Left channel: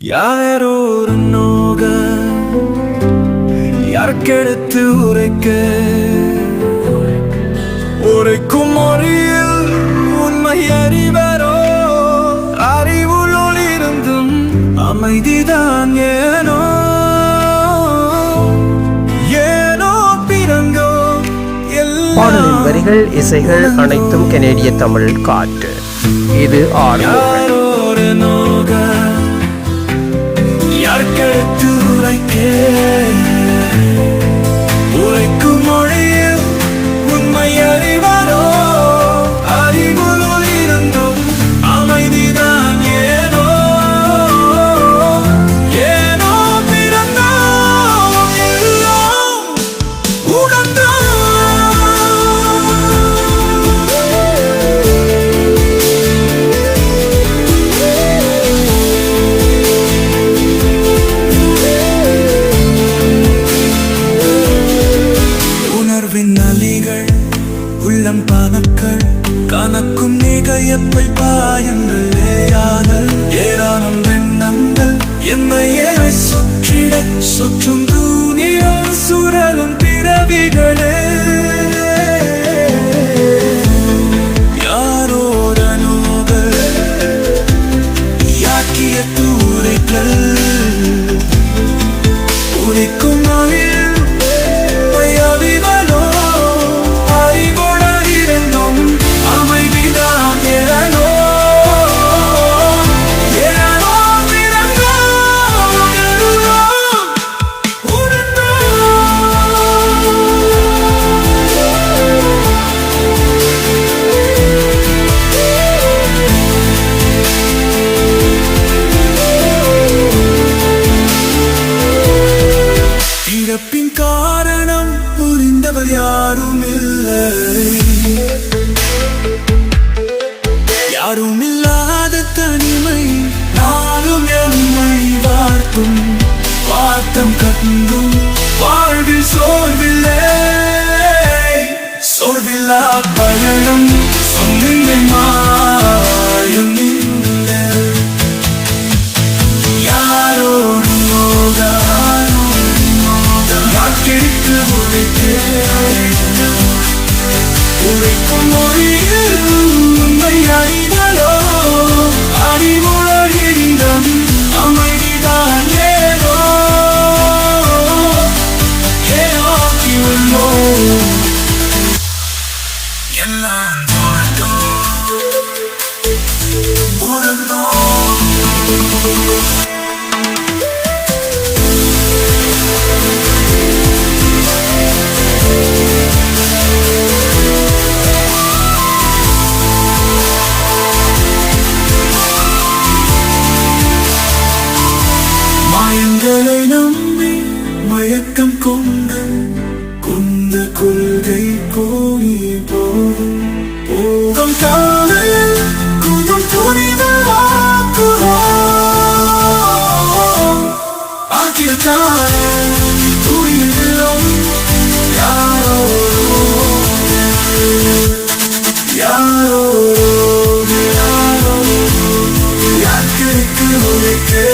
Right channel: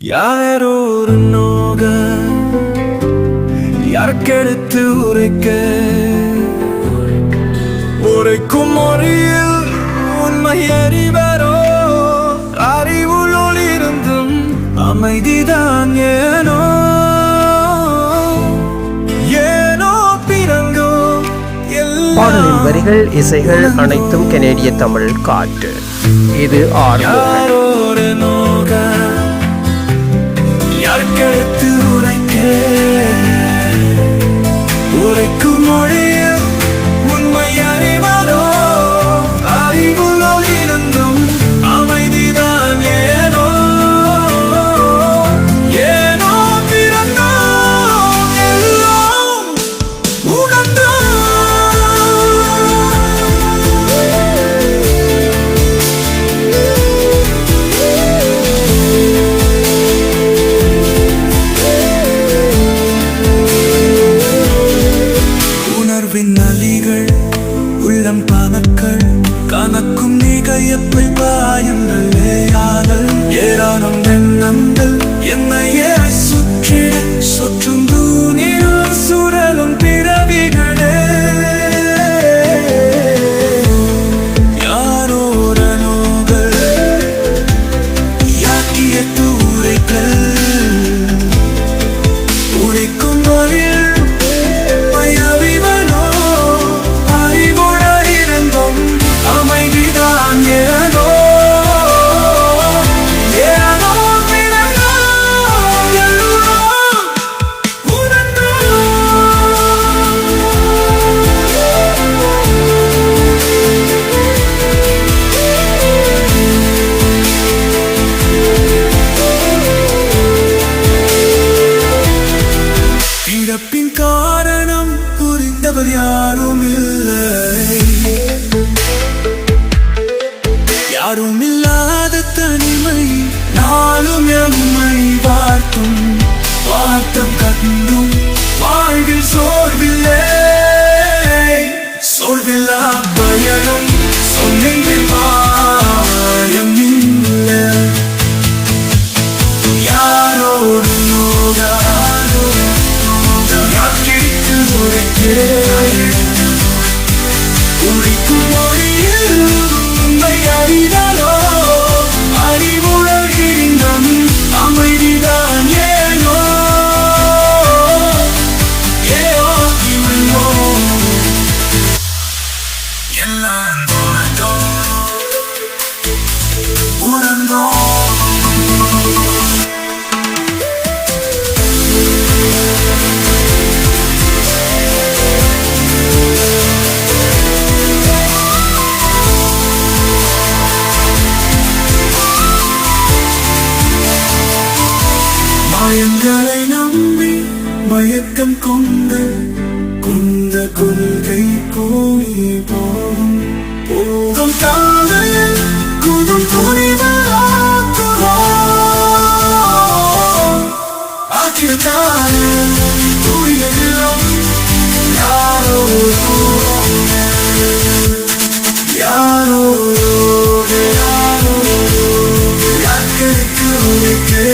யாரோ ஒரு நோக யாருக்கெடுத்து உரைக்க? உரைக்கும் மொழியில் உண்மை அறிவரோ? அறிவுள் ஒளிருந்தும் அமைதிதான் ஏனோ? பாடலின் வரிகள் இசைகள் அனைத்தும் கெனேடிய தமிழ் காற்று. இது ஆர்வம் யாரோரு உரைக்க. உரைக்கும் மொழியில் உணர்வின் அலிகள் உள்ளம் பானக்கள் கணக்கும் நிகையப்பை பாயங்கள் ஏயாதல் ஏராளம் எண்ணங்கள் என்னையே சுற்றிட சுற்றும் தூணிகள் சுரலும் பிறவிகளே. யாரோரனோகள் யாக்கிய தூரைகள் யாரும் இல்லை யாரும் இல்லாத தனிமை நாளும் எம்மை வார்க்கும் வார்த்தம் கண்டும் வாழ்வில் சோர்வில்லை. சோர்வில்லா பயனும் சொன்னீங்கள் மாயம் இல்லை யாரோடு போகாரோ யாக்கிட்டு மாயங்களை நம்பி மயக்கம் கொண்டு குந்த கொள்கை கூறி போகும். போகும் காலையில் குதும் புனிதமாக்குவோ உனக்குத்தான் புரியவில்லை யாரோ யாரோ யாரோ யாருக்கு உனக்கு